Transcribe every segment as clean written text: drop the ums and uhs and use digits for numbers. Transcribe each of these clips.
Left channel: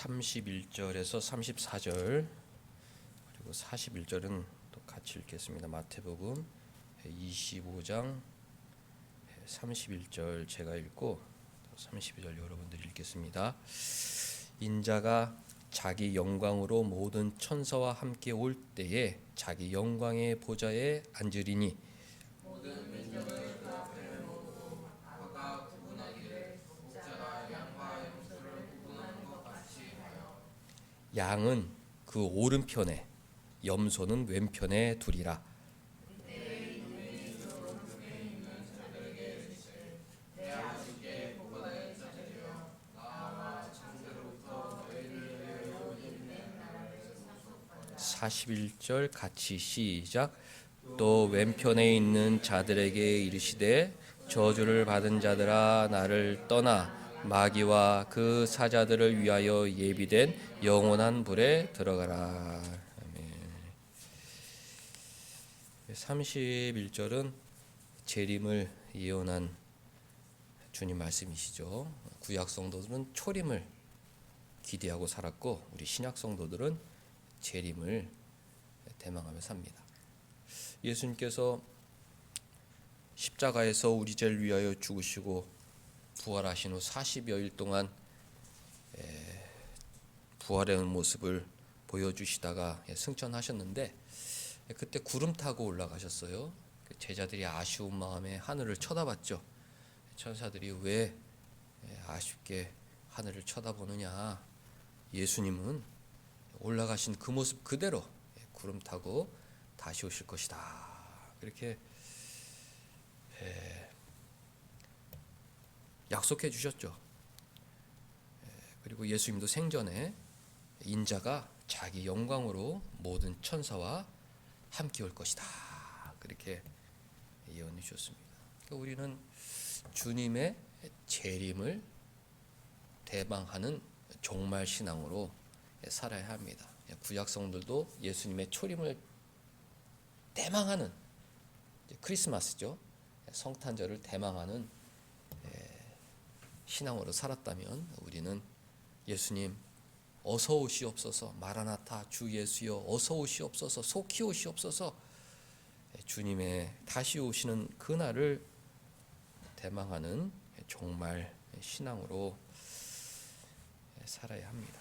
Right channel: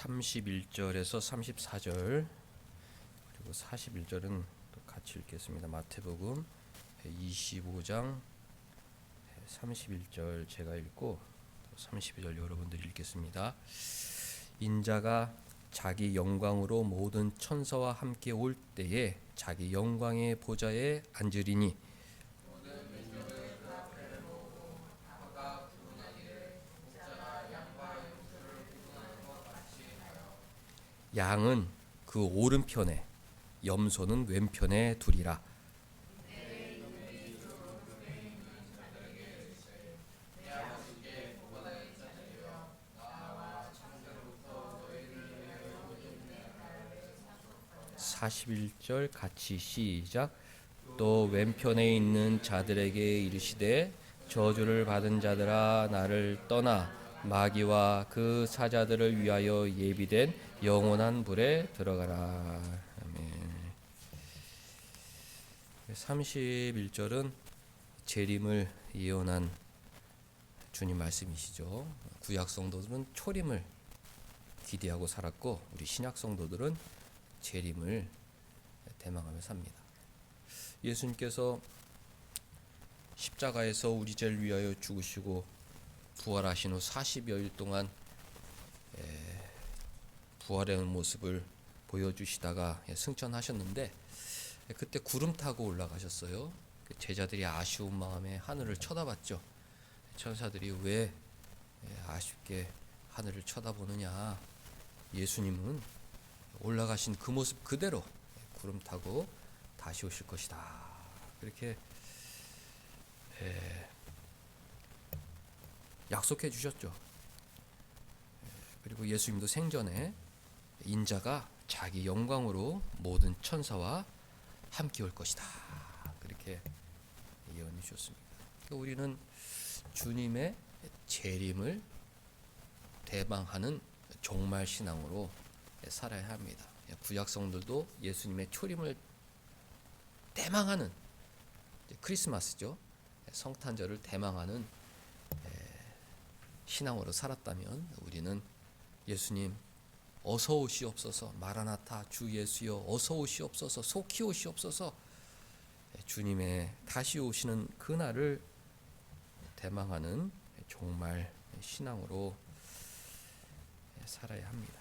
31절에서 34절 그리고 41절은 같이 읽겠습니다. 마태복음 25장 31절 제가 읽고 32절 여러분들이 읽겠습니다. 인자가 자기 영광으로 모든 천사와 함께 올 때에 자기 영광의 보좌에 앉으리니 양은 그 오른편에 염소는 왼편에 두리라. (41절) 같이 시작. 또 왼편에 있는 자들에게 이르시되 저주를 받은 자들아 나를 떠나 마귀와 그 사자들을 위하여 예비된 영원한 불에 들어가라. 31절은 재림을 예언한 주님 말씀이시죠. 구약 성도들은 초림을 기대하고 살았고 우리 신약 성도들은 재림을 대망하며 삽니다. 예수님께서 십자가에서 우리 죄를 위하여 죽으시고 부활하신 후 40여일 동안 부활의 모습을 보여주시다가 승천하셨는데 그때 구름 타고 올라가셨어요. 제자들이 아쉬운 마음에 하늘을 쳐다봤죠. 천사들이 왜 아쉽게 하늘을 쳐다보느냐. 예수님은 올라가신 그 모습 그대로 구름 타고 다시 오실 것이다. 그렇게 약속해 주셨죠. 그리고 예수님도 생전에 인자가 자기 영광으로 모든 천사와 함께 올 것이다. 그렇게 예언해 주셨습니다. 우리는 주님의 재림을 대망하는 종말 신앙으로 살아야 합니다. 구약 성들도 예수님의 초림을 대망하는 크리스마스죠. 성탄절을 대망하는 신앙으로 살았다면 우리는 예수님 어서 오시옵소서, 마라나타 주 예수여 어서 오시옵소서, 속히 오시옵소서, 주님의 다시 오시는 그날을 대망하는 종말 신앙으로 살아야 합니다.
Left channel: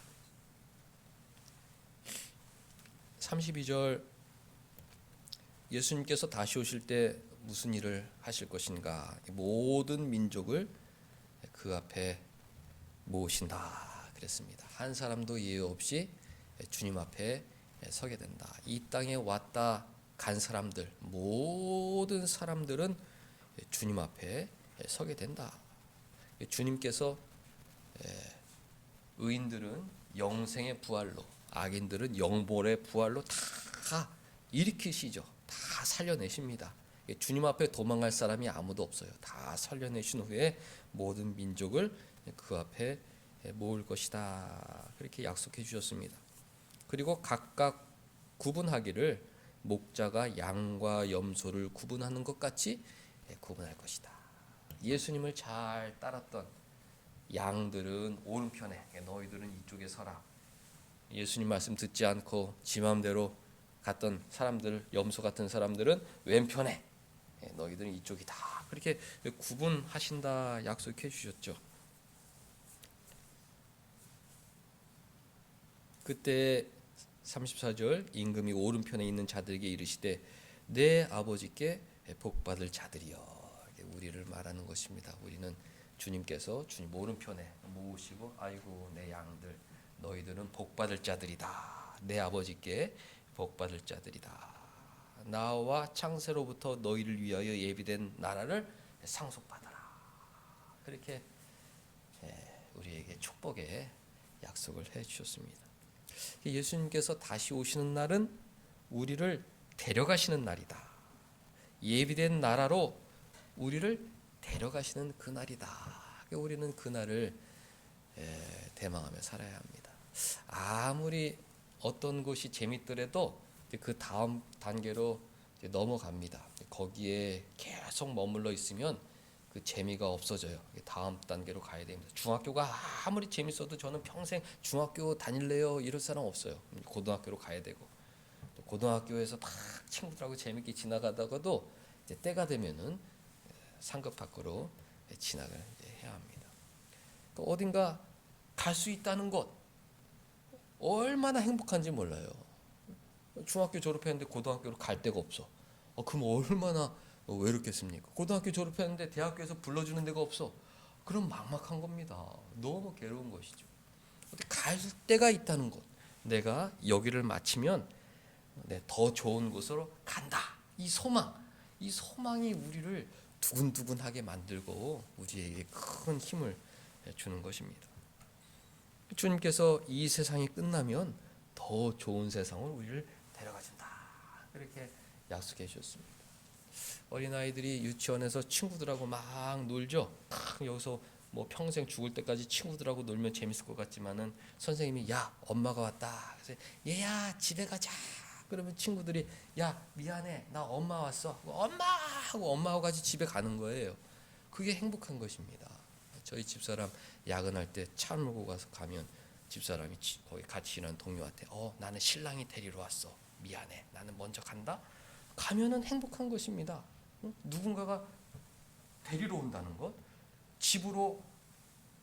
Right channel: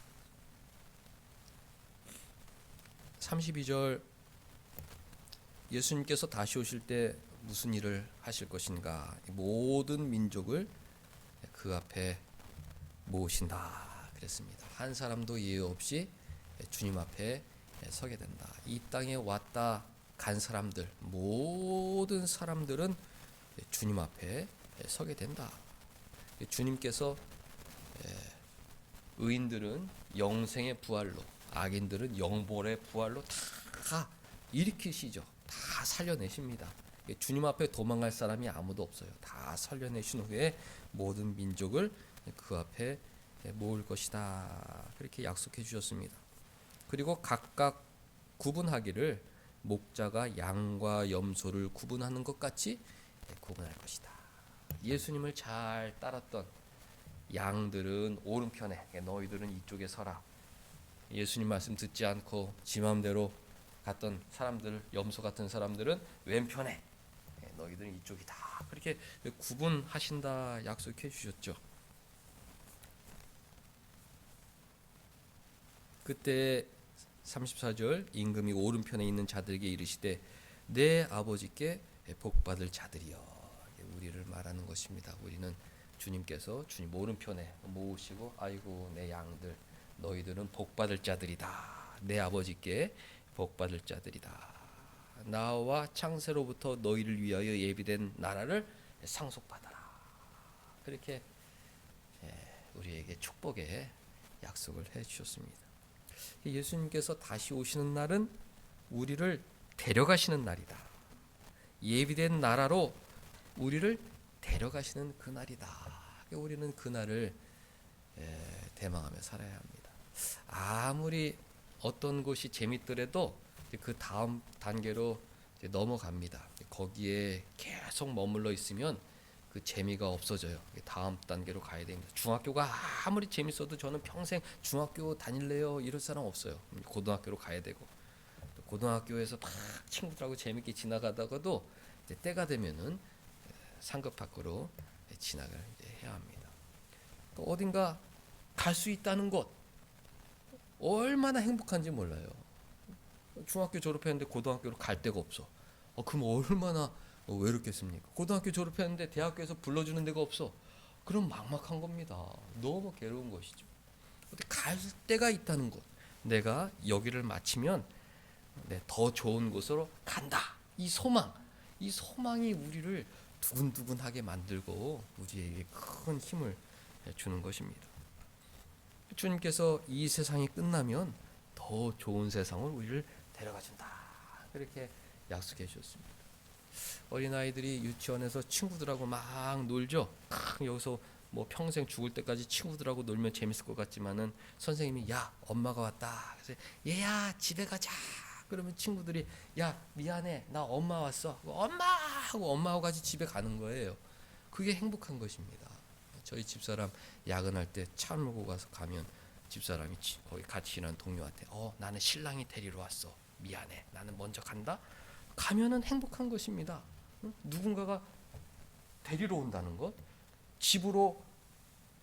32절 예수님께서 다시 오실 때 무슨 일을 하실 것인가. 모든 민족을 그 앞에 모으신다 그랬습니다. 한 사람도 예외 없이 주님 앞에 서게 된다. 이 땅에 왔다 간 사람들 모든 사람들은 주님 앞에 서게 된다. 주님께서 의인들은 영생의 부활로, 악인들은 영벌의 부활로 다 일으키시죠. 다 살려내십니다. 주님 앞에 도망갈 사람이 아무도 없어요. 다 살려내신 후에 모든 민족을 그 앞에 모을 것이다. 그렇게 약속해 주셨습니다. 그리고 각각 구분하기를 목자가 양과 염소를 구분하는 것 같이 구분할 것이다. 예수님을 잘 따랐던 양들은 오른편에, 너희들은 이쪽에 서라. 예수님 말씀 듣지 않고 지 마음대로 갔던 사람들, 염소 같은 사람들은 왼편에, 너희들은 이쪽이다. 그렇게 구분하신다 약속해 주셨죠. 그때 34절 임금이 오른편에 있는 자들에게 이르시되 내 아버지께 복받을 자들이여. 우리를 말하는 것입니다. 우리는 주님께서 주님 오른편에 모으시고 아이고 내 양들 너희들은 복받을 자들이다. 내 아버지께 복받을 자들이다. 나와 창세로부터 너희를 위하여 예비된 나라를 상속받아라. 그렇게 우리에게 축복의 약속을 해주셨습니다. 예수님께서 다시 오시는 날은 우리를 데려가시는 날이다. 예비된 나라로 우리를 데려가시는 그 날이다. 우리는 그 날을 대망하며 살아야 합니다. 아무리 어떤 것이 재밌더라도 그 다음 단계로 넘어갑니다. 거기에 계속 머물러 있으면 그 그 재미가 없어져요. 다음 단계로 가야 됩니다. 중학교가 아무리 재밌어도 저는 평생 중학교 다닐래요 이럴 사람 없어요. 고등학교로 가야 되고, 고등학교에서 다 친구들하고 재밌게 지나가다가도 때가 되면은 상급 밖으로 진학을 해야 합니다. 또 어딘가 갈 수 있다는 것 얼마나 행복한지 몰라요. 중학교 졸업했는데 고등학교로 갈 데가 없어. 그럼 얼마나 외롭겠습니까? 고등학교 졸업했는데 대학교에서 불러주는 데가 없어. 그럼 막막한 겁니다. 너무 괴로운 것이죠. 갈 데가 있다는 것. 내가 여기를 마치면 더 좋은 곳으로 간다. 이 소망이 우리를 두근두근하게 만들고 우리에게 큰 힘을 주는 것입니다. 주님께서 이 세상이 끝나면 더 좋은 세상을 우리를 데려가준다. 그렇게 약속해 주셨습니다. 어린아이들이 유치원에서 친구들하고 막 놀죠. 여기서 뭐 평생 죽을 때까지 친구들하고 놀면 재밌을 것 같지만은 선생님이 야 엄마가 왔다. 그래서 얘야 집에 가자. 그러면 친구들이 야 미안해 나 엄마 왔어. 엄마 하고 엄마하고 같이 집에 가는 거예요. 그게 행복한 것입니다. 저희 집사람 야근할 때 차 몰고 가면 집사람이 거기 같이 일하는 동료한테 나는 신랑이 데리러 왔어. 미안해 나는 먼저 간다. 가면은 행복한 것입니다. 누군가가 데리러 온다는 것, 집으로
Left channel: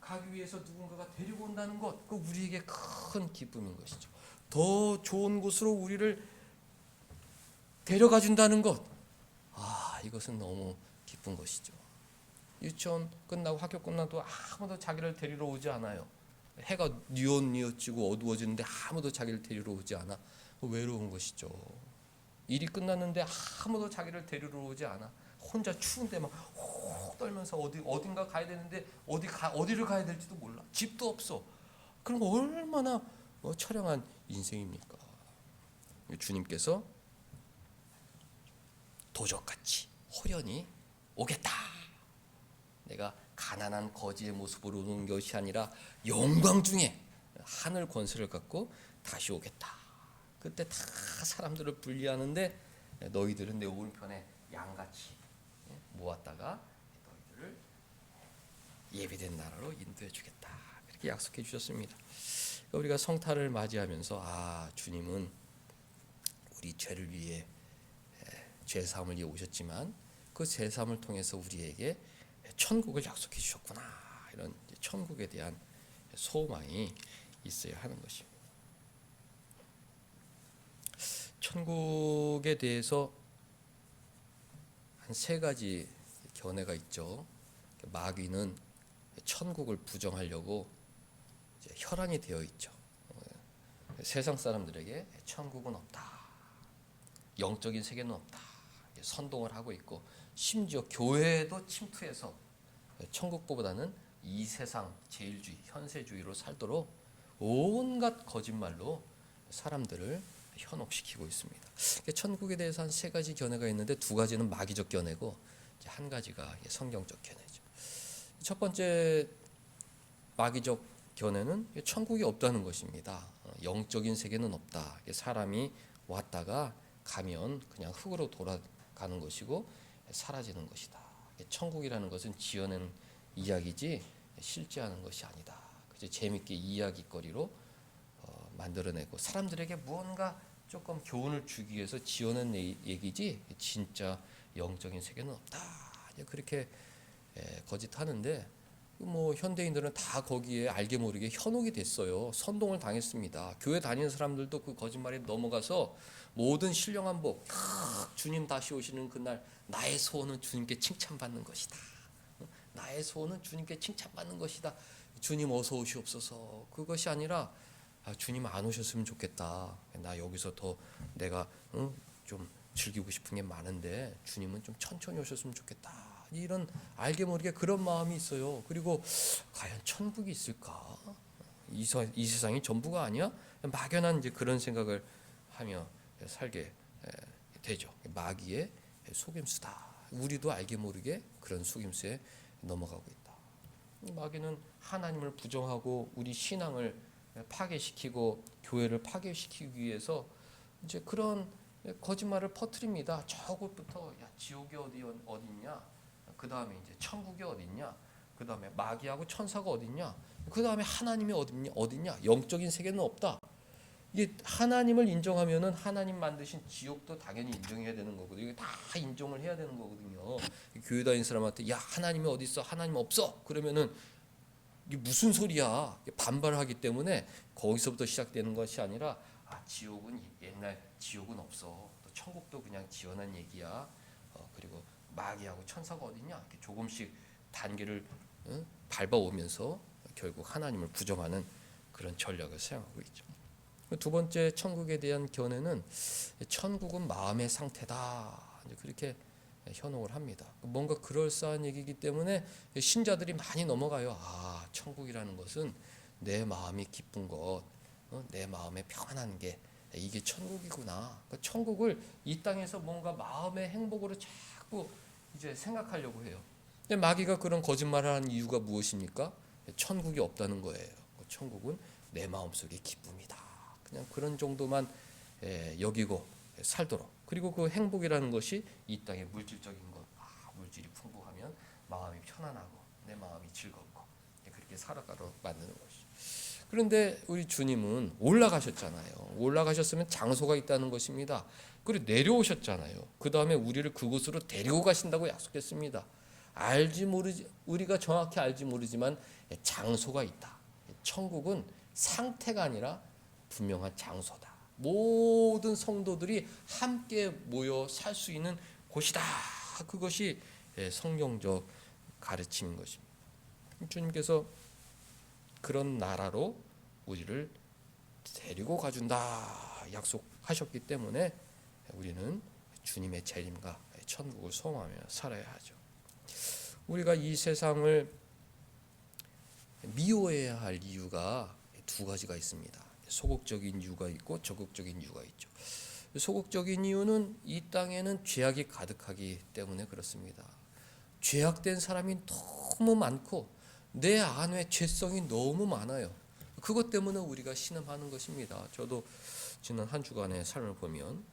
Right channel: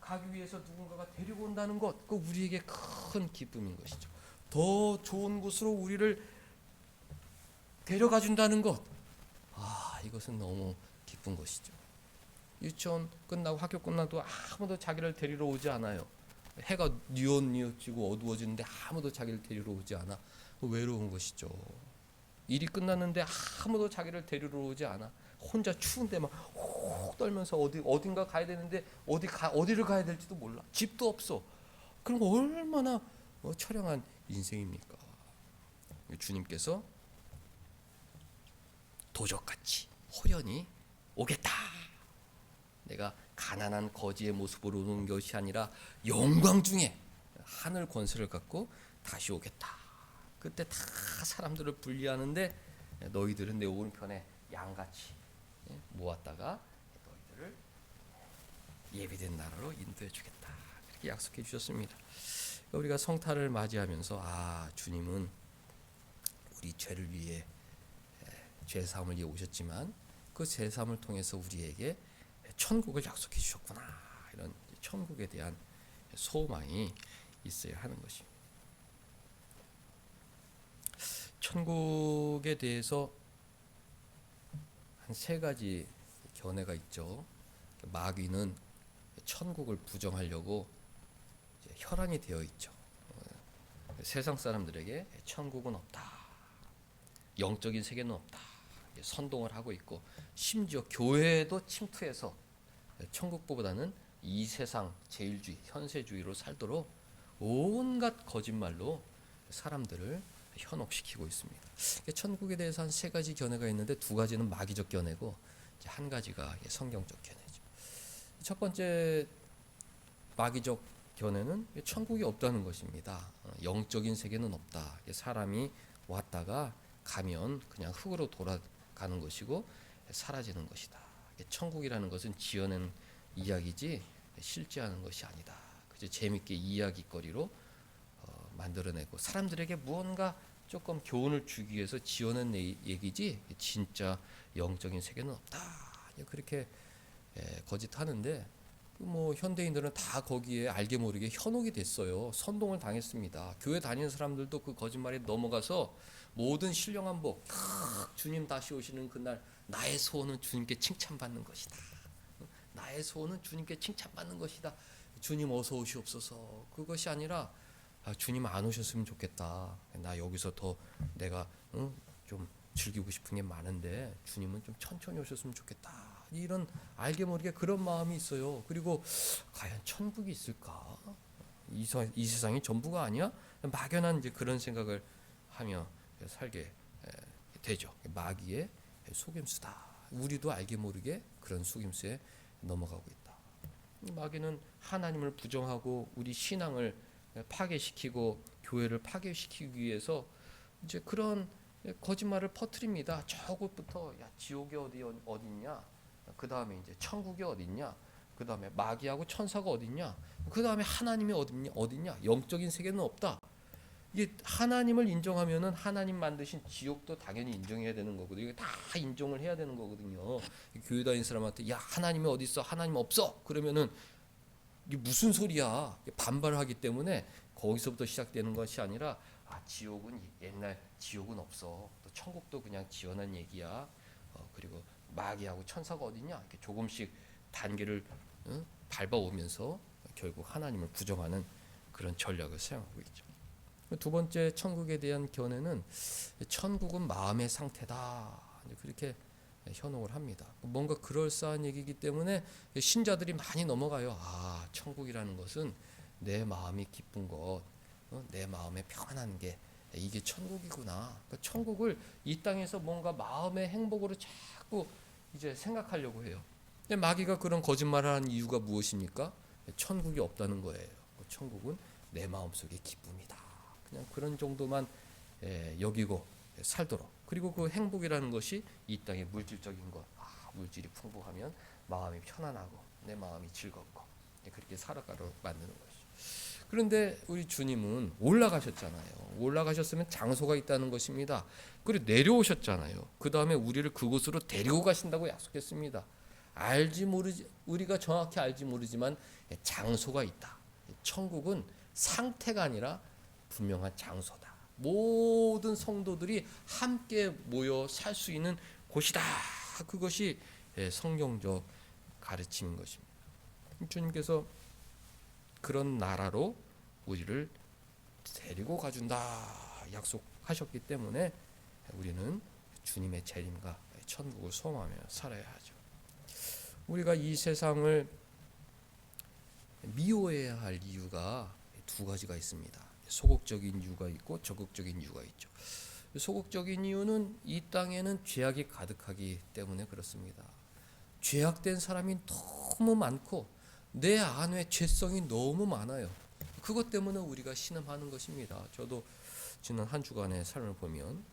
가기 위해서 누군가가 데리고 온다는 것, 그 우리에게 큰 기쁨인 것이죠. 더 좋은 곳으로 우리를 데려가 준다는 것, 이것은 너무 기쁜 것이죠. 유치원 끝나고 학교 끝나도 아무도 자기를 데리러 오지 않아요. 해가 뉘엿뉘엿지고 어두워지는데 아무도 자기를 데리러 오지 않아. 외로운 것이죠. 일이 끝났는데 아무도 자기를 데리러 오지 않아. 혼자 추운데 막 혹 떨면서 어딘가 가야 되는데 어디를 가야 될지도 몰라. 집도 없어. 그럼 얼마나 처량한 인생입니까? 주님께서 도적같이 호련히 오겠다. 내가 가난한 거지의 모습으로 오는 것이 아니라 영광 중에 하늘 권세를 갖고 다시 오겠다. 그때 다 사람들을 분리하는데 너희들은 내 오른편에 양같이 모았다가 너희들을 예배된 나라로 인도해 주겠다. 이렇게 약속해 주셨습니다. 우리가 성탄을 맞이하면서 주님은 우리 죄를 위해 죄사함을 위해 오셨지만 그 죄사함을 통해서 우리에게 천국을 약속해 주셨구나. 이런 천국에 대한 소망이 있어야 하는 것입니다. 천국에 대해서 한 세 가지 견해가 있죠. 마귀는 천국을 부정하려고 혈안이 되어 있죠. 세상 사람들에게 천국은 없다. 영적인 세계는 없다. 선동을 하고 있고 심지어 교회도 침투해서 천국보다는 이 세상 제일주의, 현세주의로 살도록 온갖 거짓말로 사람들을 현혹시키고 있습니다. 천국에 대해서 한 세 가지 견해가 있는데 두 가지는 마귀적 견해고 한 가지가 성경적 견해죠. 첫 번째 마귀적 견해는 천국이 없다는 것입니다. 영적인 세계는 없다. 사람이 왔다가 가면 그냥 흙으로 돌아가는 것이고 사라지는 것이다. 천국이라는 것은 지어낸 이야기지 실제하는 것이 아니다. 그저 재밌게 이야기거리로 만들어내고 사람들에게 무언가 조금 교훈을 주기 위해서 지어낸 얘기지 진짜 영적인 세계는 없다. 그렇게 거짓하는데 현대인들은 다 거기에 알게 모르게 현혹이 됐어요. 선동을 당했습니다. 교회 다니는 사람들도 그 거짓말에 넘어가서 모든 신령한 복 주님 다시 오시는 그날 나의 소원은 주님께 칭찬받는 것이다. 나의 소원은 주님께 칭찬받는 것이다. 주님 어서 오시옵소서. 그것이 아니라 주님 안 오셨으면 좋겠다. 나 여기서 더 내가 좀 즐기고 싶은 게 많은데 주님은 좀 천천히 오셨으면 좋겠다. 이런 알게 모르게 그런 마음이 있어요. 그리고 과연 천국이 있을까? 이 세상이 전부가 아니야? 막연한 이제 그런 생각을 하며 살게 되죠. 마귀의 속임수다. 우리도 알게 모르게 그런 속임수에 넘어가고 있다. 마귀는 하나님을 부정하고 우리 신앙을 파괴시키고 교회를 파괴시키기 위해서 이제 그런 거짓말을 퍼뜨립니다. 저곳부터 야 지옥이 어디냐? 그 다음에 이제 천국이 어딨냐? 그 다음에 마귀하고 천사가 어딨냐? 그 다음에 하나님이 어딨냐? 영적인 세계는 없다. 이게 하나님을 인정하면은 하나님 만드신 지옥도 당연히 인정해야 되는 거거든요. 이게 다 인정을 해야 되는 거거든요. 교회 다니는 사람한테 야 하나님이 어디 있어? 하나님 없어. 그러면은 이게 무슨 소리야? 반발하기 때문에 거기서부터 시작되는 것이 아니라 지옥은 옛날 지옥은 없어. 또 천국도 그냥 지어낸 얘기야. 그리고 마귀하고 천사가 어딨냐? 이렇게 조금씩 단계를 밟아오면서 결국 하나님을 부정하는 그런 전략을 사용하고 있죠. 두 번째 천국에 대한 견해는 천국은 마음의 상태다 이렇게 현혹을 합니다. 뭔가 그럴싸한 얘기이기 때문에 신자들이 많이 넘어가요. 천국이라는 것은 내 마음이 기쁜 것, 내 마음에 평안한 게 이게 천국이구나. 천국을 이 땅에서 뭔가 마음의 행복으로 자꾸 이제 생각하려고 해요. 근데 마귀가 그런 거짓말을 하는 이유가 무엇입니까? 천국이 없다는 거예요. 천국은 내 마음속의 기쁨이다. 그냥 그런 정도만 여기고 살도록. 그리고 그 행복이라는 것이 이 땅의 물질적인 것. 물질이 풍부하면 마음이 편안하고 내 마음이 즐겁고 그렇게 살아가려고 만드는 거죠. 그런데 우리 주님은 올라가셨잖아요. 올라가셨으면 장소가 있다는 것입니다. 그리고 내려오셨잖아요. 그 다음에 우리를 그곳으로 데리고 가신다고 약속했습니다. 우리가 정확히 알지 모르지만 장소가 있다. 천국은 상태가 아니라 분명한 장소다. 모든 성도들이 함께 모여 살 수 있는 곳이다. 그것이 성경적 가르침인 것입니다. 주님께서 그런 나라로 우리를 데리고 가준다 약속하셨기 때문에 우리는 주님의 책임과 천국을 소망하며 살아야 하죠. 우리가 이 세상을 미워해야 할 이유가 두 가지가 있습니다. 소극적인 이유가 있고 적극적인 이유가 있죠. 소극적인 이유는 이 땅에는 죄악이 가득하기 때문에 그렇습니다. 죄악된 사람이 너무 많고 내 안에 죄성이 너무 많아요. 그것 때문에 우리가 신음하는 것입니다. 저도 지난 한 주간의 삶을 보면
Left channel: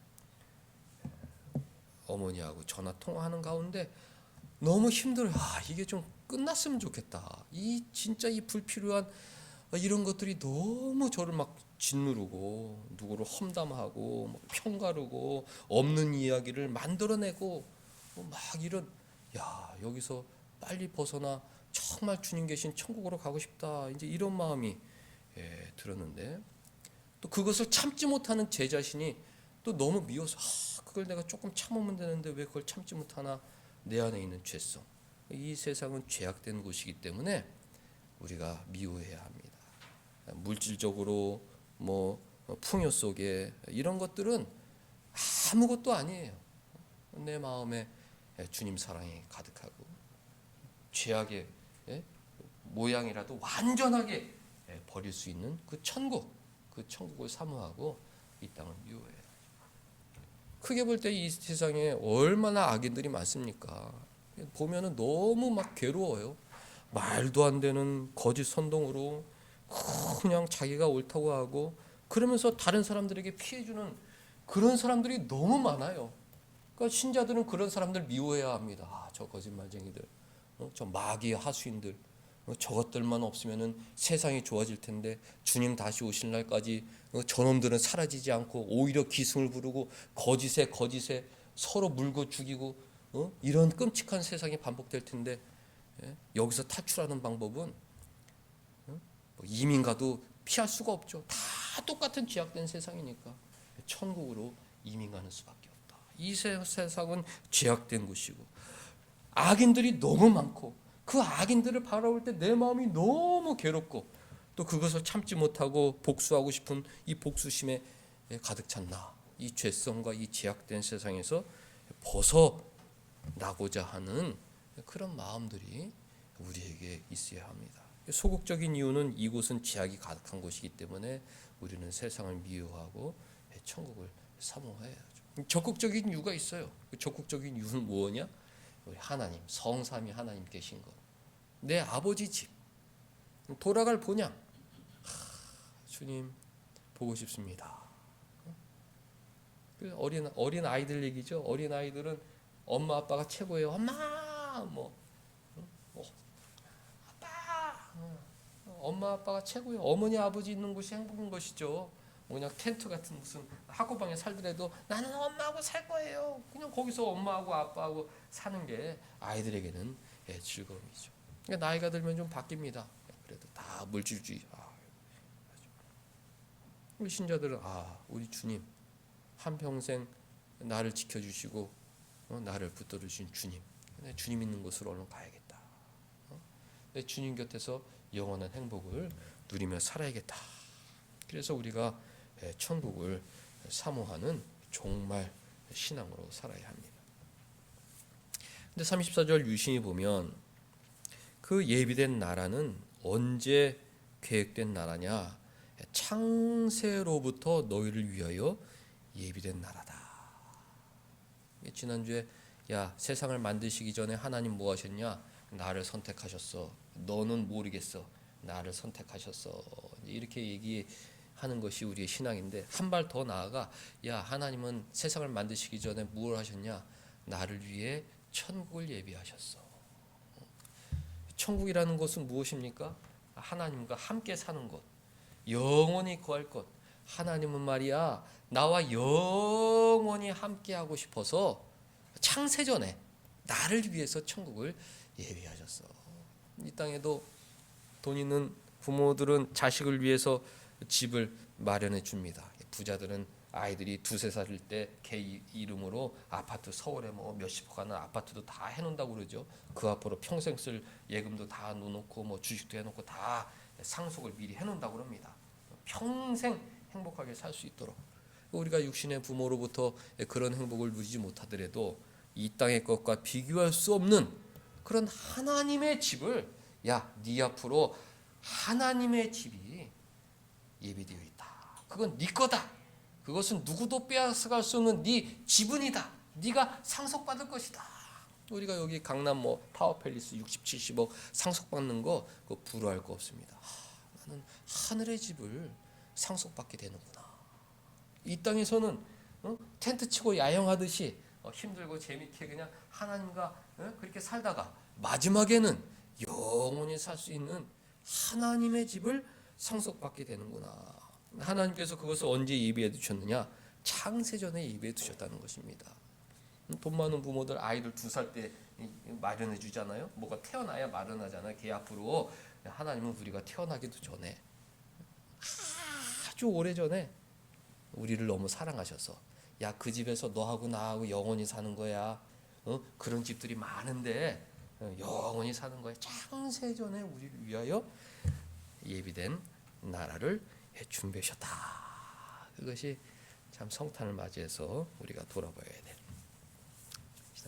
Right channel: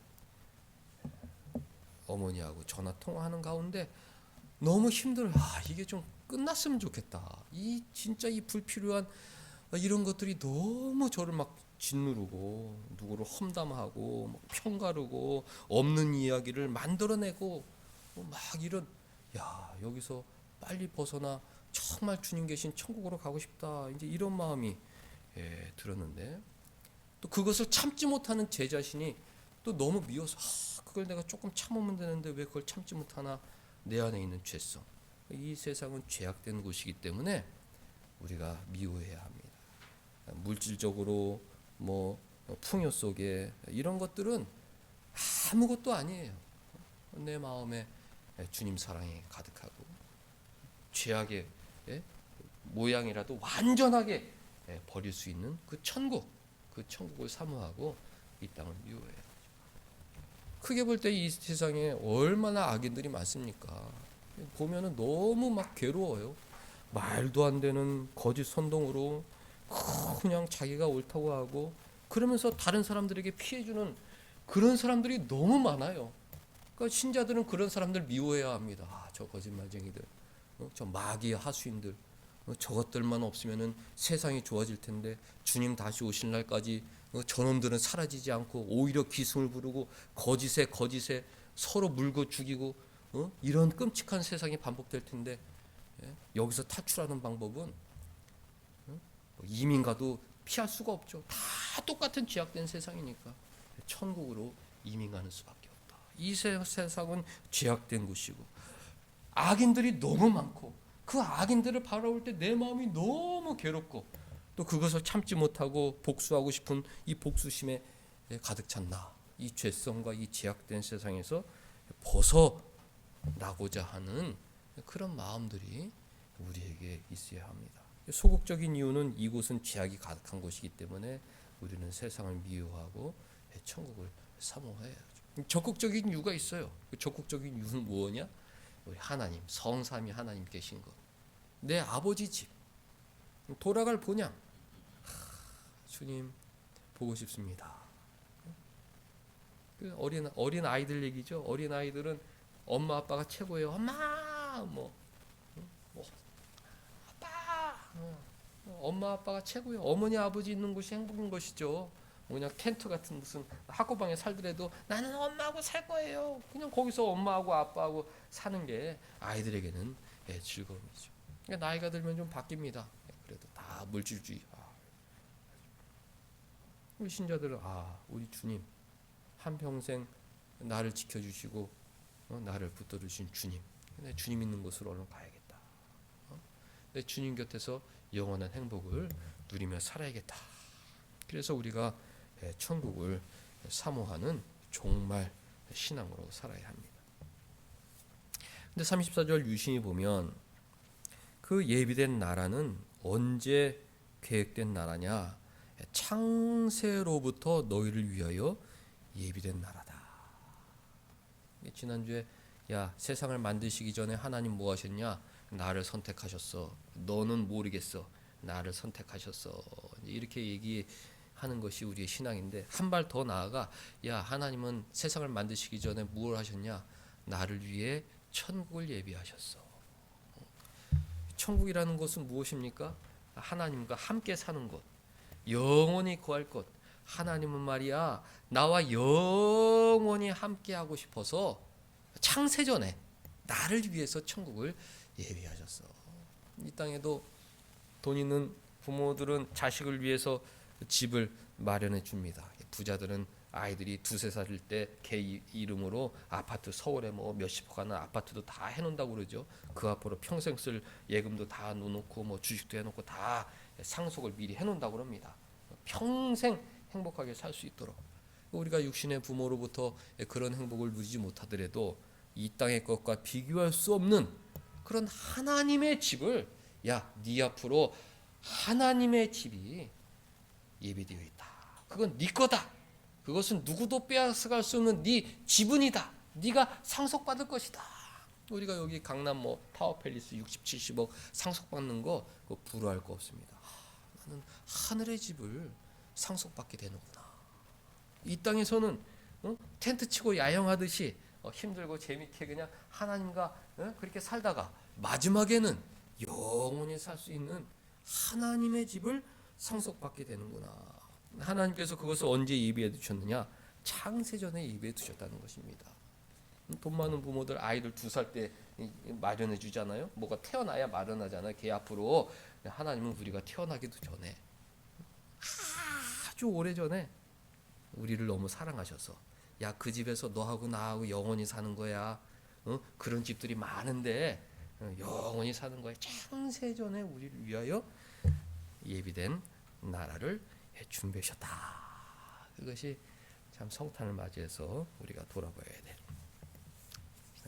어머니하고 전화 통화하는 가운데 너무 힘들어. 이게 좀 끝났으면 좋겠다. 진짜 이 불필요한 이런 것들이 너무 저를 막 짓누르고 누구를 험담하고 평가르고 없는 이야기를 만들어내고 막 이런 여기서 빨리 벗어나 정말 주님 계신 천국으로 가고 싶다. 이제 이런 마음이 들었는데 또 그것을 참지 못하는 제 자신이 또 너무 미워서 그걸 내가 조금 참으면 되는데 왜 그걸 참지 못하나. 내 안에 있는 죄성. 이 세상은 죄악된 곳이기 때문에 우리가 미워해야 합니다. 물질적으로 풍요 속에 이런 것들은 아무것도 아니에요. 내 마음에 주님 사랑이 가득하고 죄악의 모양이라도 완전하게 버릴 수 있는 그 천국을 사모하고 이 땅을 미워해요. 크게 볼 때 이 세상에 얼마나 악인들이 많습니까? 보면은 너무 막 괴로워요. 말도 안 되는 거짓 선동으로 그냥 자기가 옳다고 하고 그러면서 다른 사람들에게 피해주는 그런 사람들이 너무 많아요. 그러니까 신자들은 그런 사람들 미워해야 합니다. 저 거짓말쟁이들, 저 마귀의 하수인들, 저것들만 없으면은 세상이 좋아질 텐데 주님 다시 오실 날까지 저놈들은 사라지지 않고 오히려 기승을 부르고 거짓에 서로 물고 죽이고 이런 끔찍한 세상이 반복될 텐데 여기서 탈출하는 방법은 이민 가도 피할 수가 없죠. 다 똑같은 죄악된 세상이니까 천국으로 이민 가는 수밖에 없다. 이 세상은 죄악된 곳이고 악인들이 너무 많고 그 악인들을 바라볼 때 내 마음이 너무 괴롭고 또 그것을 참지 못하고 복수하고 싶은 이 복수심에 가득 찬 나. 이 죄성과 이 죄악된 세상에서 벗어나고자 하는 그런 마음들이 우리에게 있어야 합니다. 소극적인 이유는 이곳은 죄악이 가득한 곳이기 때문에 우리는 세상을 미워하고 천국을 사모해야죠. 적극적인 이유가 있어요. 그 적극적인 이유는 뭐냐? 우리 하나님, 성삼위 하나님 계신 것. 내 아버지 집. 돌아갈 본향. 주님 보고 싶습니다. 어린 아이들 얘기죠. 어린 아이들은 엄마 아빠가 최고예요. 엄마 뭐, 아빠, 엄마 아빠가 최고예요. 어머니 아버지 있는 곳이 행복인 것이죠. 뭐냐 텐트 같은 무슨 학고방에 살더라도 나는 엄마하고 살 거예요. 그냥 거기서 엄마하고 아빠하고 사는 게 아이들에게는 즐거움이죠. 그러니까 나이가 들면 좀 바뀝니다. 그래도 다 물질주의. 우리 신자들은 우리 주님 한평생 나를 지켜주시고 나를 붙들으신 주님, 내 주님 있는 곳으로 얼른 가야겠다. 내 주님 곁에서 영원한 행복을 누리며 살아야겠다. 그래서 우리가 천국을 사모하는 정말 신앙으로 살아야 합니다. 근데 34절 유심히 보면 그 예비된 나라는 언제 계획된 나라냐? 창세로부터 너희를 위하여 예비된 나라다. 지난주에 세상을 만드시기 전에 하나님 뭐 하셨냐? 나를 선택하셨어. 너는 모르겠어. 나를 선택하셨어. 이렇게 얘기하는 것이 우리의 신앙인데, 한 발 더 나아가 하나님은 세상을 만드시기 전에 뭘 하셨냐? 나를 위해 천국을 예비하셨어. 천국이라는 것은 무엇입니까? 하나님과 함께 사는 것, 영원히 거할 것. 하나님은 말이야 나와 영원히 함께 하고 싶어서 창세전에 나를 위해서 천국을 예비하셨어. 이 땅에도 돈 있는 부모들은 자식을 위해서 집을 마련해 줍니다. 부자들은 아이들이 두세 살일 때 걔 이름으로 아파트, 서울에 뭐 몇십억 하는 아파트도 다 해놓는다고 그러죠. 그 앞으로 평생 쓸 예금도 다 놓고 뭐 주식도 해놓고 다 상속을 미리 해놓는다고 합니다. 평생 행복하게 살 수 있도록. 우리가 육신의 부모로부터 그런 행복을 누리지 못하더라도 이 땅의 것과 비교할 수 없는 그런 하나님의 집을 네 앞으로 하나님의 집이 예비되어 있다. 그건 네 거다. 그것은 누구도 빼앗아갈 수 없는 네 지분이다. 네가 상속받을 것이다. 우리가 여기 강남 뭐 타워팰리스 60, 70억 상속받는 거 부러워할 거 없습니다. 나는 하늘의 집을 상속받게 되는구나. 이 땅에서는 텐트 치고 야영하듯이 힘들고 재밌게 그냥 하나님과 그렇게 살다가 마지막에는 영원히 살 수 있는 하나님의 집을 상속받게 되는구나. 하나님께서 그것을 언제 예비해 두셨느냐? 창세전에 예비해 두셨다는 것입니다. 돈 많은 부모들 아이들 2살 때 마련해 주잖아요. 뭐가 태어나야 마련하잖아요. 걔 앞으로. 하나님은 우리가 태어나기도 전에 아주 오래전에 우리를 너무 사랑하셔서 그 집에서 너하고 나하고 영원히 사는 거야. 그런 집들이 많은데 영원히 사는 거야. 창세전에 우리를 위하여 예비된 나라를 준비하셨다. 그것이 참 성탄을 맞이해서 우리가 돌아보아야 될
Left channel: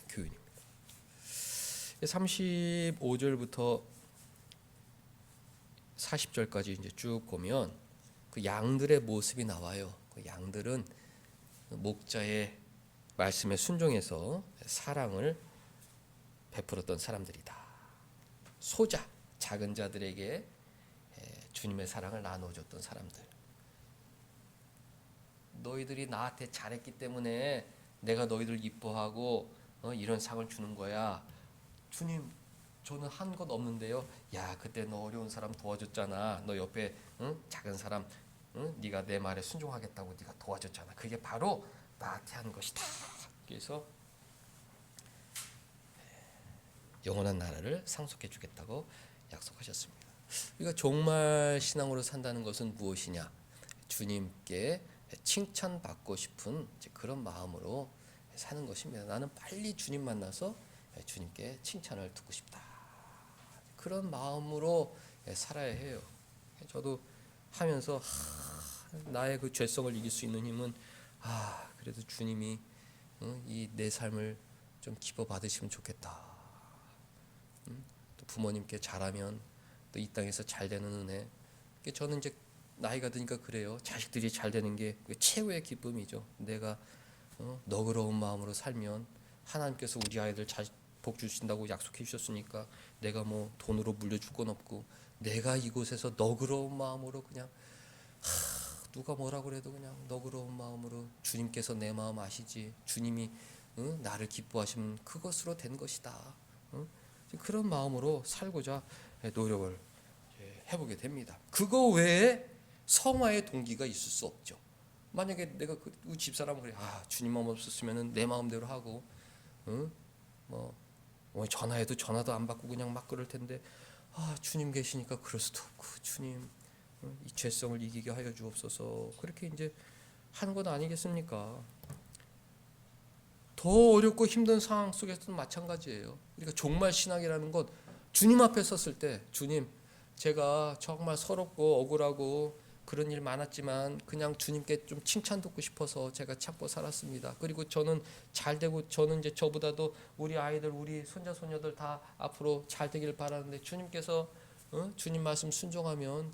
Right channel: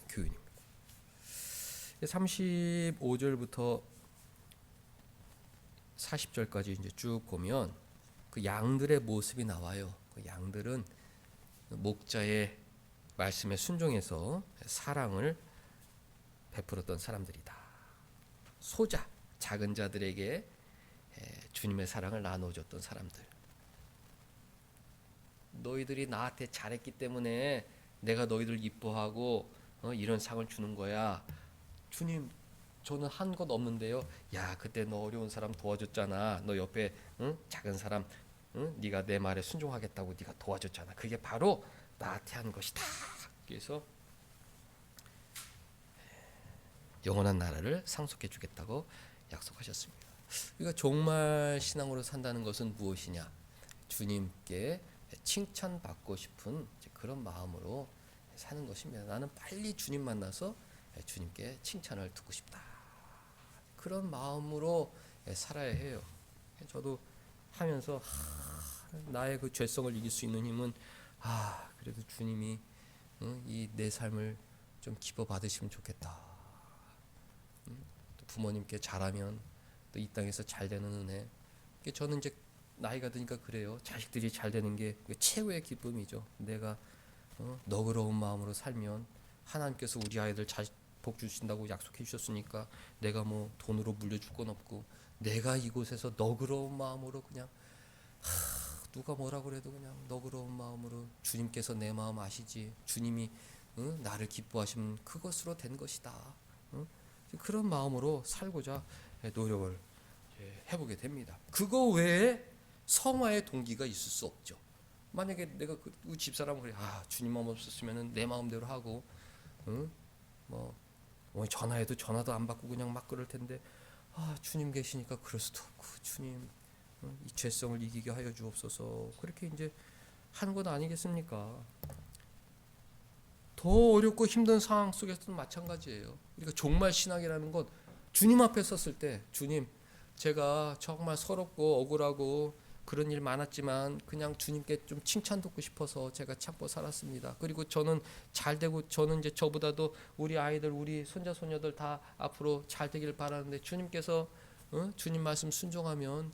교훈입니다. 35절부터 40절까지 이제 쭉 보면 그 양들의 모습이 나와요. 그 양들은 목자의 말씀에 순종해서 사랑을 베풀었던 사람들이다. 소자, 작은 자들에게 주님의 사랑을 나눠줬던 사람들. 너희들이 나한테 잘했기 때문에 내가 너희들 이뻐하고 이런 상을 주는 거야. 주님, 저는 한 것 없는데요. 그때 너 어려운 사람 도와줬잖아. 너 옆에 작은 사람 네가 내 말에 순종하겠다고 네가 도와줬잖아. 그게 바로 나한테 한 것이다. 그래서 영원한 나라를 상속해 주겠다고 약속하셨습니다. 우리가 정말 신앙으로 산다는 것은 무엇이냐? 주님께 칭찬받고 싶은 그런 마음으로 사는 것입니다. 나는 빨리 주님 만나서 주님께 칭찬을 듣고 싶다. 그런 마음으로 살아야 해요. 저도 하면서 나의 그 죄성을 이길 수 있는 힘은 그래도 주님이 이 내 삶을 좀 기뻐 받으시면 좋겠다. 또 부모님께 잘하면 또 이 땅에서 잘 되는 은혜. 저는 이제 나이가 드니까 그래요. 자식들이 잘 되는 게 최고의 기쁨이죠. 내가 너그러운 마음으로 살면 하나님께서 우리 아이들 잘 복 주신다고 약속해 주셨으니까 내가 뭐 돈으로 물려줄 건 없고 내가 이곳에서 너그러운 마음으로 그냥 누가 뭐라 그래도 그냥 너그러운 마음으로 주님께서 내 마음 아시지. 주님이 나를 기뻐하시면 그것으로 된 것이다. 그런 마음으로 살고자 노력을 해보게 됩니다. 그거 외에 성화의 동기가 있을 수 없죠. 만약에 내가 그 집사람 그래, 주님만 없었으면 내 마음대로 하고, 전화해도 전화도 안 받고 그냥 막 그럴 텐데, 주님 계시니까 그럴 수도 없고, 주님 이 죄성을 이기게 하여 주옵소서. 그렇게 이제 하는 건 아니겠습니까? 더 어렵고 힘든 상황 속에서도 마찬가지예요. 우리가 종말 신앙이라는 것, 주님 앞에 섰을 때, 주님, 제가 정말 서럽고 억울하고 그런 일 많았지만 그냥 주님께 좀 칭찬 듣고 싶어서 제가 참고 살았습니다. 그리고 저는 잘 되고, 저는 이제 저보다도 우리 아이들, 우리 손자 손녀들 다 앞으로 잘 되길 바라는데, 주님께서 주님 말씀 순종하면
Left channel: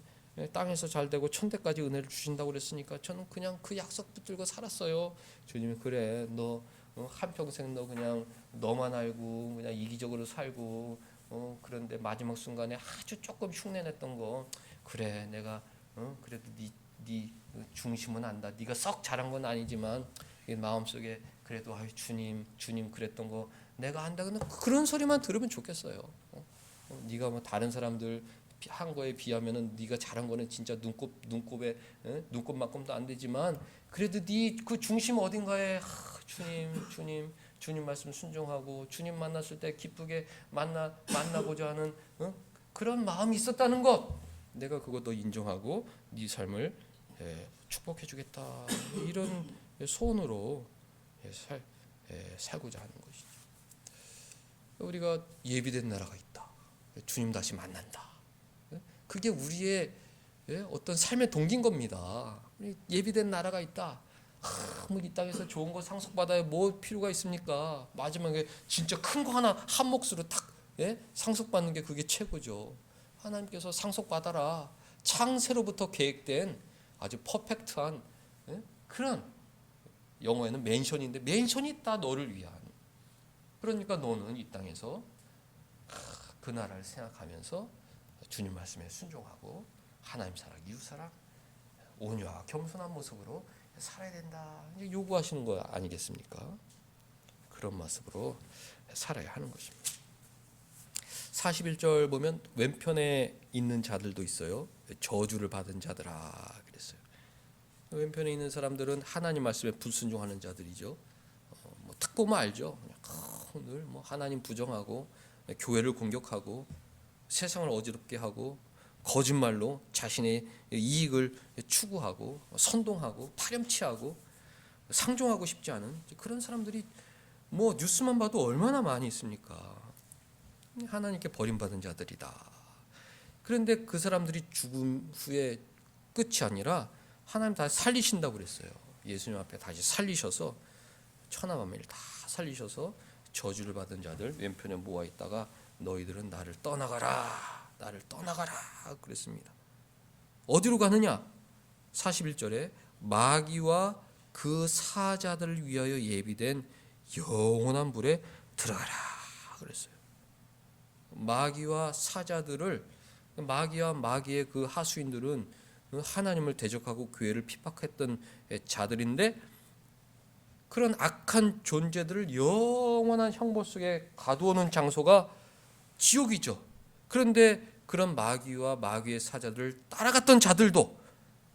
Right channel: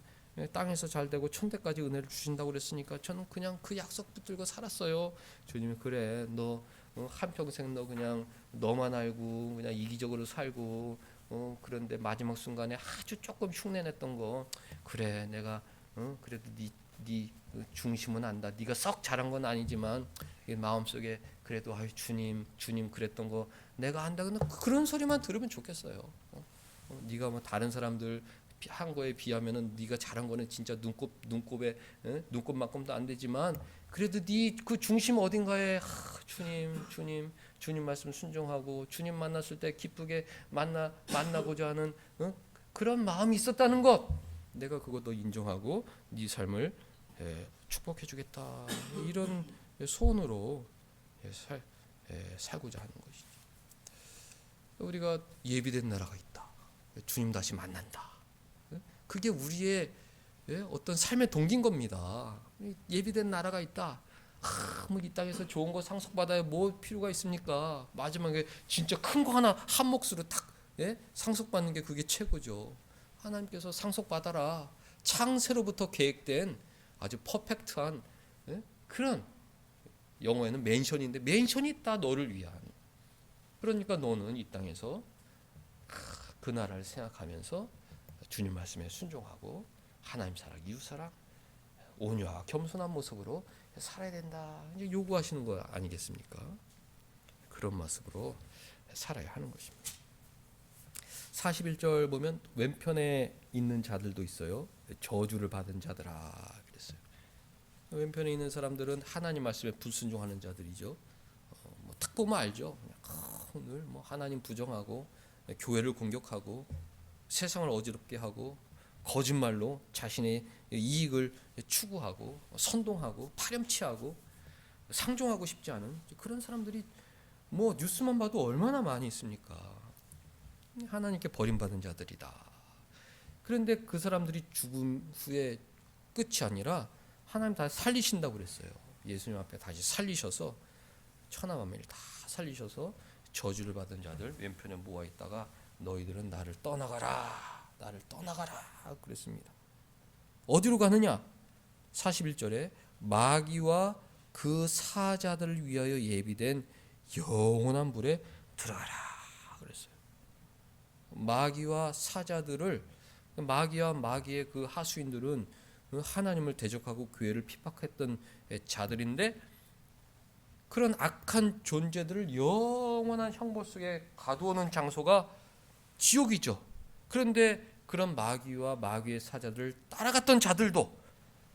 땅에서 잘 되고 천대까지 은혜를 주신다고 그랬으니까 저는 그냥 그 약속 붙들고 살았어요. 주님, 그래, 너 한평생 너 그냥 너만 알고 그냥 이기적으로 살고, 그런데 마지막 순간에 아주 조금 흉내냈던 거, 그래, 내가 그래도 네 중심은 안다. 네가 썩 잘한 건 아니지만 마음속에 그래도 주님 그랬던 거 내가 안다. 근데 그런 소리만 들으면 좋겠어요. 네가 뭐 다른 사람들 한 거에 비하면은 네가 잘한 거는 진짜 눈곱에 눈곱만큼도 안 되지만, 그래도 네 그 중심 어딘가에 주님 말씀 순종하고 주님 만났을 때 기쁘게 만나고자 하는 그런 마음이 있었다는 것, 내가 그거 너 인정하고 네 삶을 축복해 주겠다, 이런 소원으로 살고자 하는 것이죠. 우리가 예비된 나라가 있다, 주님 다시 만난다, 그게 우리의 어떤 삶의 동기인 겁니다. 예비된 나라가 있다. 뭐 이 땅에서 좋은 거 상속받아야 뭐 필요가 있습니까? 마지막에 진짜 큰 거 하나 한 몫으로 탁 상속받는 게 그게 최고죠. 하나님께서 상속받아라. 창세로부터 계획된 아주 퍼펙트한 그런, 영어에는 맨션인데 맨션이 있다, 너를 위한. 그러니까 너는 이 땅에서 그 나라를 생각하면서 주님 말씀에 순종하고 하나님 사랑, 이웃 사랑, 온유와 겸손한 모습으로 살아야 된다, 이제 요구하시는 거 아니겠습니까? 그런 모습으로 살아야 하는 것입니다. 41절 보면 왼편에 있는 자들도 있어요. 저주를 받은 자들아 그랬어요. 왼편에 있는 사람들은 하나님 말씀에 불순종하는 자들이죠. 딱 보면 알죠. 뭐 하나님 부정하고 교회를 공격하고 세상을 어지럽게 하고 거짓말로 자신의 이익을 추구하고 선동하고 파렴치하고 상종하고 싶지 않은 그런 사람들이 뭐 뉴스만 봐도 얼마나 많이 있습니까? 하나님께 버림받은 자들이다. 그런데 그 사람들이 죽음 후에 끝이 아니라 하나님 다 살리신다고 그랬어요. 예수님 앞에 다시 살리셔서 천하만민을 다 살리셔서 저주를 받은 자들 왼편에 모아 있다가 너희들은 나를 떠나가라 그랬습니다. 어디로 가느냐? 41절에 마귀와 그 사자들을 위하여 예비된 영원한 불에 들어가라 그랬어요. 마귀와 사자들을, 마귀와 마귀의 그 하수인들은 하나님을 대적하고 교회를 핍박했던 자들인데, 그런 악한 존재들을 영원한 형벌 속에 가두어놓은 장소가 지옥이죠. 그런데 그런 마귀와 마귀의 사자들을 따라갔던 자들도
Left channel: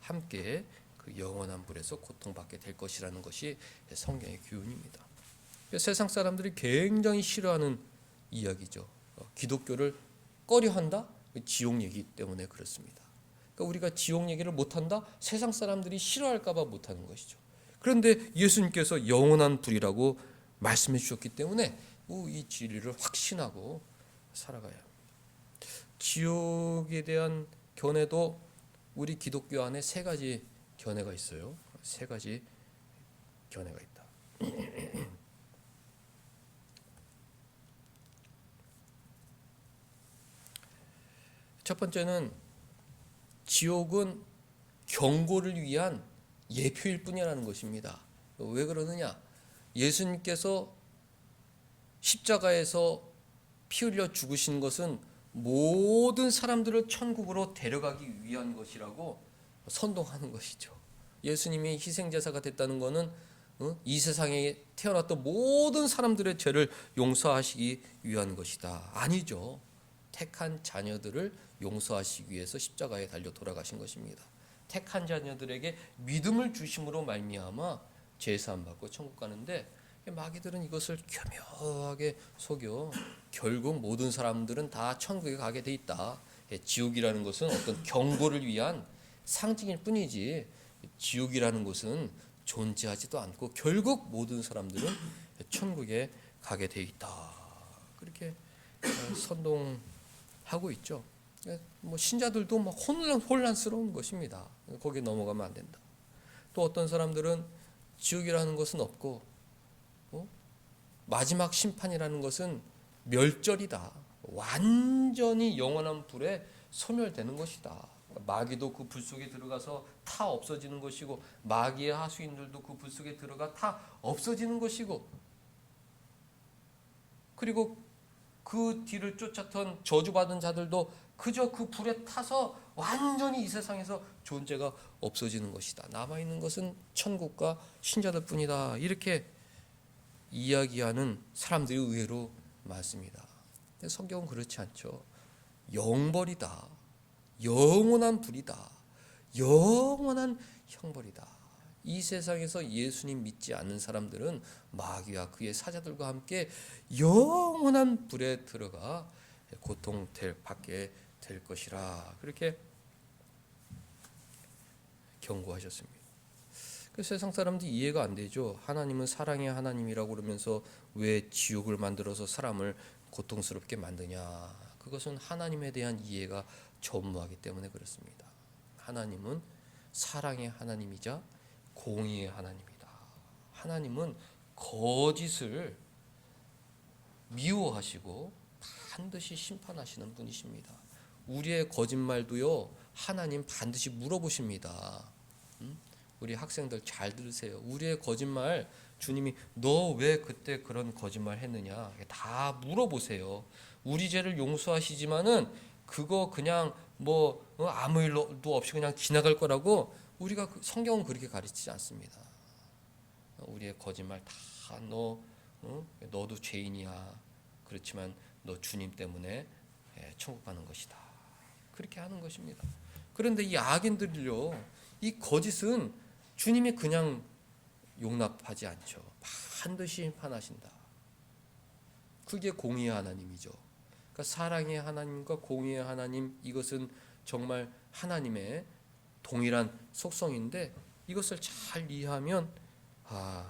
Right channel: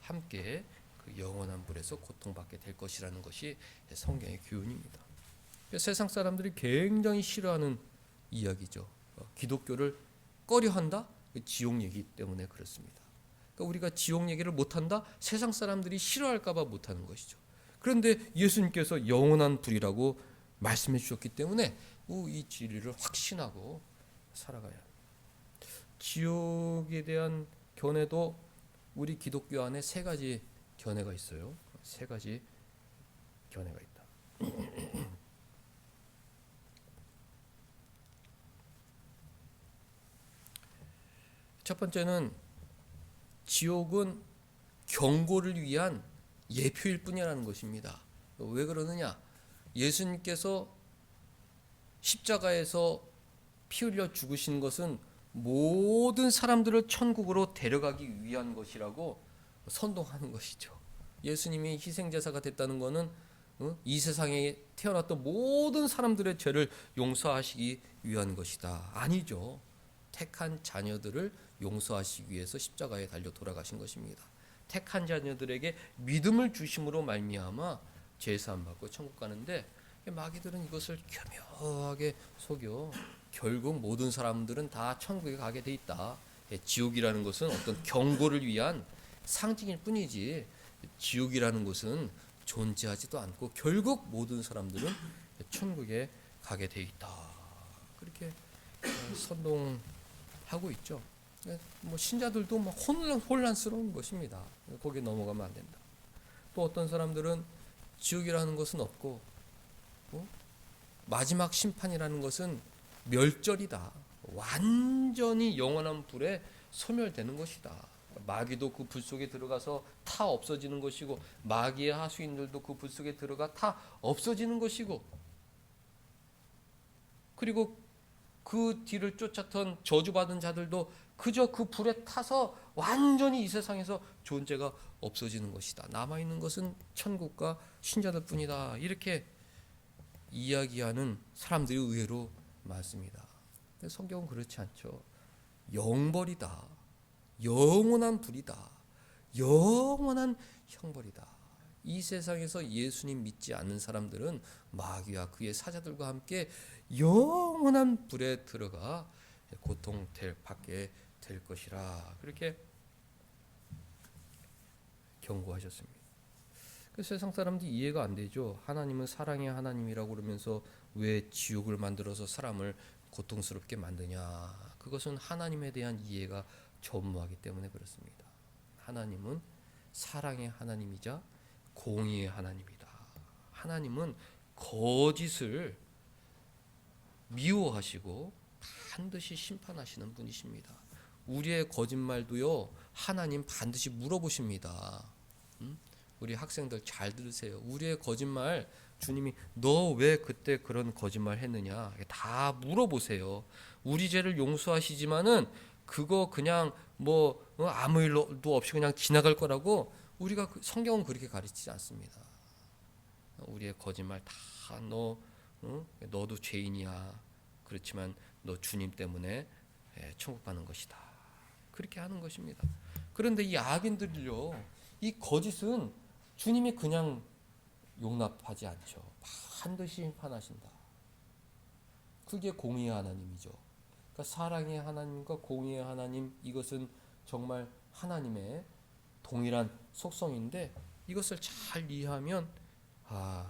함께 그 영원한 불에서 고통받게 될 것이라는 것이 성경의 교훈입니다. 세상 사람들이 굉장히 싫어하는 이야기죠. 기독교를 꺼려한다? 지옥 얘기 때문에 그렇습니다. 그러니까 우리가 지옥 얘기를 못한다? 세상 사람들이 싫어할까 봐 못하는 것이죠. 그런데 예수님께서 영원한 불이라고 말씀해 주셨기 때문에 이 진리를 확신하고 살아가요. 지옥에 대한 견해도 우리 기독교 안에 세 가지 견해가 있어요. 세 가지 견해가 있다. 첫 번째는 지옥은 경고를 위한 예표일 뿐이라는 것입니다. 왜 그러느냐? 예수님께서 십자가에서 피 흘려 죽으신 것은 모든 사람들을 천국으로 데려가기 위한 것이라고 선동하는 것이죠. 예수님이 희생제사가 됐다는 것은 이 세상에 태어났던 모든 사람들의 죄를 용서하시기 위한 것이다. 아니죠. 택한 자녀들을 용서하시기 위해서 십자가에 달려 돌아가신 것입니다. 택한 자녀들에게 믿음을 주심으로 말미암아 제사함 받고 천국 가는데, 마귀들은 이것을 교묘하게 속여 결국 모든 사람들은 다 천국에 가게 돼 있다. 지옥이라는 것은 어떤 경고를 위한 상징일 뿐이지, 지옥이라는 것은 존재하지도 않고 결국 모든 사람들은 천국에 가게 돼 있다. 그렇게 선동하고 있죠. 뭐 신자들도 뭐 혼란스러운 것입니다. 거기 넘어가면 안 된다. 또 어떤 사람들은 지옥이라는 것은 없고, 마지막 심판이라는 것은 멸절이다. 완전히 영원한 불에 소멸되는 것이다. 마귀도 그 불 속에 들어가서 타 없어지는 것이고, 마귀의 하수인들도 그 불 속에 들어가 타 없어지는 것이고, 그리고 그 뒤를 쫓았던 저주받은 자들도 그저 그 불에 타서 완전히 이 세상에서 존재가 없어지는 것이다. 남아있는 것은 천국과 신자들 뿐이다. 이렇게 이야기하는 사람들이 의외로 많습니다. 근데 성경은 그렇지 않죠. 영벌이다. 영원한 불이다. 영원한 형벌이다. 이 세상에서 예수님 믿지 않는 사람들은 마귀와 그의 사자들과 함께 영원한 불에 들어가 고통받게 될 것이라, 그렇게 경고하셨습니다. 세상 사람들이 이해가 안 되죠. 하나님은 사랑의 하나님이라고 그러면서 왜 지옥을 만들어서 사람을 고통스럽게 만드냐. 그것은 하나님에 대한 이해가 전무하기 때문에 그렇습니다. 하나님은 사랑의 하나님이자 공의의 하나님이다. 하나님은 거짓을 미워하시고 반드시 심판하시는 분이십니다. 우리의 거짓말도요, 하나님 반드시 물어보십니다. 우리 학생들 잘 들으세요. 우리의 거짓말 주님이 너 왜 그때 그런 거짓말 했느냐 다 물어보세요. 우리 죄를 용서하시지만은 그거 그냥 뭐 아무 일도 없이 그냥 지나갈 거라고 우리가 성경은 그렇게 가르치지 않습니다. 우리의 거짓말 다 너도 죄인이야. 그렇지만 너 주님 때문에 천국 가는 것이다. 그렇게 하는 것입니다. 그런데 이 악인들을요, 이 거짓은 주님이 그냥 용납하지 않죠. 반드시 심판하신다. 그게 공의의 하나님이죠. 그러니까 사랑의 하나님과 공의의 하나님, 이것은 정말 하나님의 동일한 속성인데, 이것을 잘 이해하면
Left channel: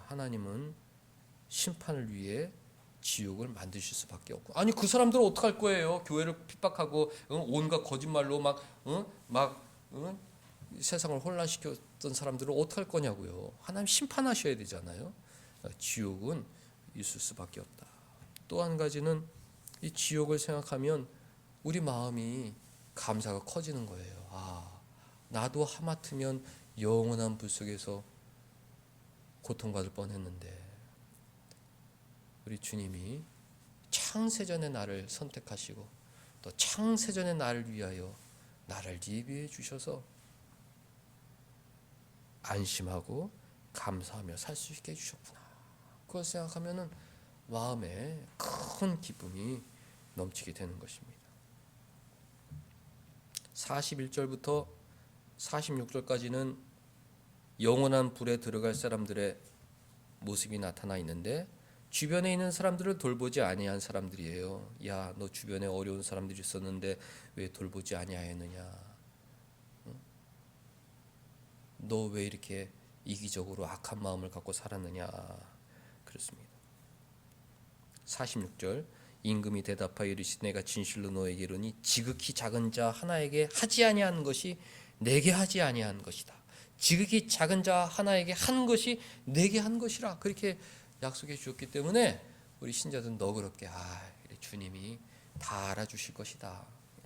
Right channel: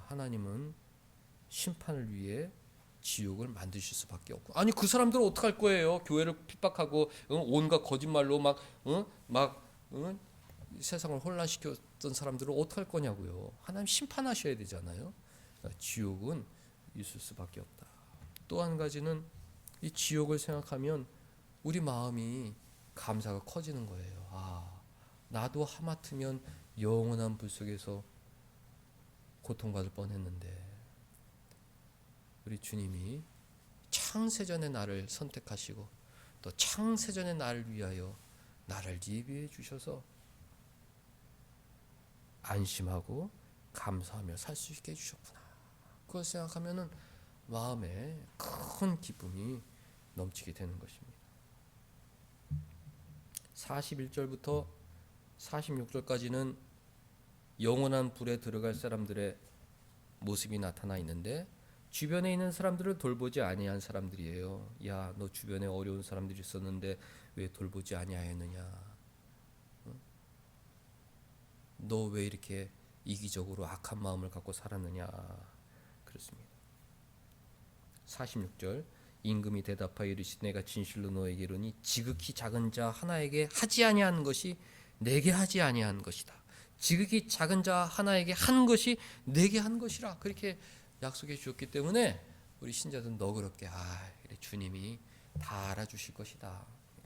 하나님은 심판을 위해 지옥을 만드실 수밖에 없고, 아니 그 사람들은 어떡할 거예요? 교회를 핍박하고 온갖 거짓말로 막 세상을 혼란시켰던 사람들은 어떡할 거냐고요. 하나님 심판하셔야 되잖아요. 지옥은 있을 수밖에 없다. 또 한 가지는 이 지옥을 생각하면 우리 마음이 감사가 커지는 거예요. 나도 하마터면 영원한 불 속에서 고통받을 뻔했는데 우리 주님이 창세전에 나를 선택하시고 또 창세전에 나를 위하여 나를 예비해 주셔서 안심하고 감사하며 살 수 있게 해주셨구나. 그걸 생각하면 마음에 큰 기쁨이 넘치게 되는 것입니다. 41절부터 46절까지는 영원한 불에 들어갈 사람들의 모습이 나타나 있는데, 주변에 있는 사람들을 돌보지 아니한 사람들이에요. 야, 너 주변에 어려운 사람들이 있었는데 왜 돌보지 아니하였느냐? 너 왜 이렇게 이기적으로 악한 마음을 갖고 살았느냐? 그렇습니다. 46절, 임금이 대답하여 이르시되 내가 진실로 너에게 이르니 지극히 작은 자 하나에게 하지 아니한 것이 내게 하지 아니한 것이다. 지극히 작은 자 하나에게 한 것이 내게 한 것이라, 그렇게 약속해 주셨기 때문에 우리 신자들은 너그럽게 주님이 다 알아주실 것이다.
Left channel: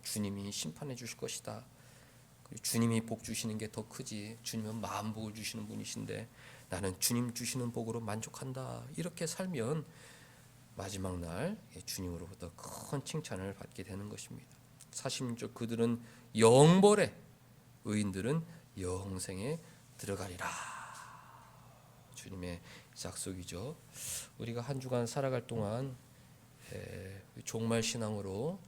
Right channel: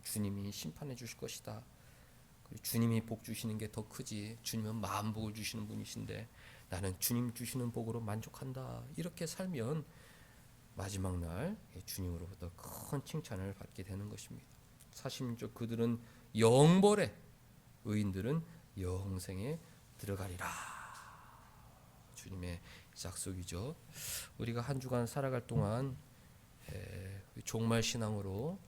주님이 심판해 주실 것이다. 주님이 복 주시는 게 더 크지. 주님은 만복을 주시는 분이신데 나는 주님 주시는 복으로 만족한다. 이렇게 살면 마지막 날 주님으로부터 큰 칭찬을 받게 되는 것입니다. 46절, 그들은 영벌에, 의인들은 영생에 들어가리라. 주님의 약속이죠. 우리가 한 주간 살아갈 동안 종말 신앙으로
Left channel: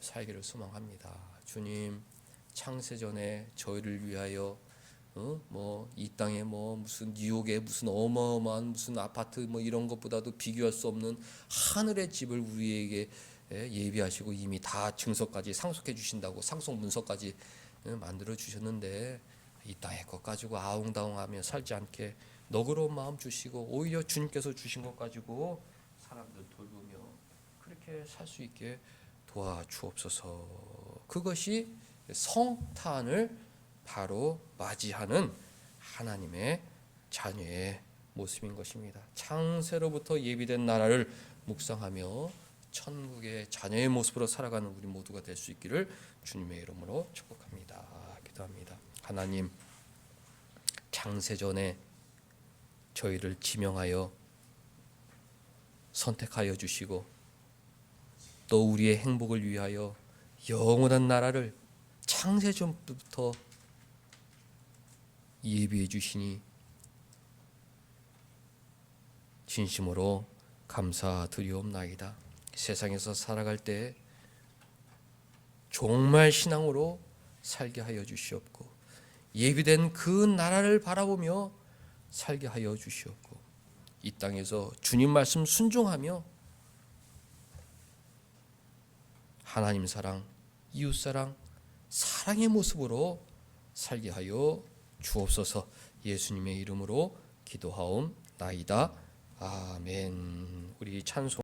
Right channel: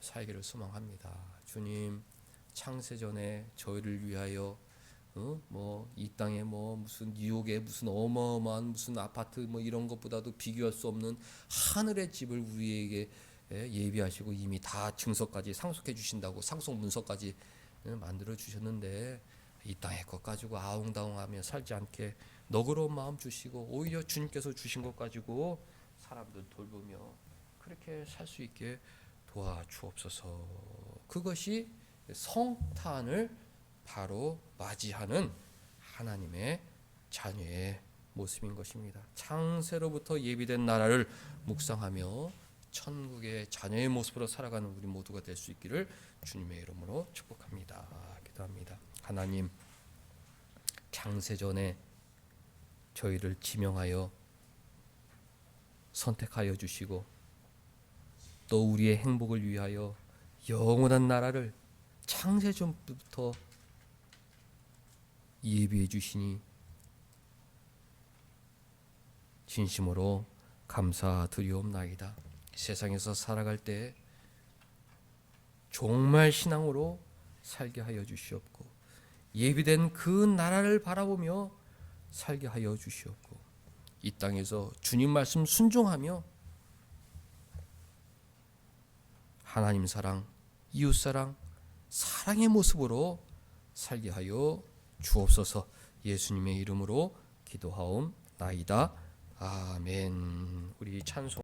살기를 소망합니다. 주님, 창세전에 저희를 위하여 뭐 이 땅에 뭐 무슨 뉴욕에 무슨 어마어마한 무슨 아파트 뭐 이런 것보다도 비교할 수 없는 하늘의 집을 우리에게 예비하시고 이미 다 증서까지 상속해 주신다고 상속 문서까지 만들어 주셨는데 이 땅의 것 가지고 아웅다웅하며 살지 않게 너그러운 마음 주시고 오히려 주님께서 주신 것 가지고 사람들 돌보며 그렇게 살 수 있게 도와주옵소서. 그것이 성탄을 바로 맞이하는 하나님의 자녀의 모습인 것입니다. 창세로부터 예비된 나라를 묵상하며 천국의 자녀의 모습으로 살아가는 우리 모두가 될 수 있기를 주님의 이름으로 축복합니다. 기도합니다. 하나님, 창세전에 저희를 지명하여 선택하여 주시고 또 우리의 행복을 위하여 영원한 나라를 창세전부터 예비해 주시니 진심으로 감사드리옵나이다. 세상에서 살아갈 때 정말 신앙으로 살게 하여 주시옵고 예비된 그 나라를 바라보며 살게 하여 주시옵고 이 땅에서 주님 말씀 순종하며 하나님 사랑, 이웃 사랑, 사랑의 모습으로 살게 하여 주옵소서. 예수님의 이름으로 기도하옵나이다. 아멘. 우리 찬송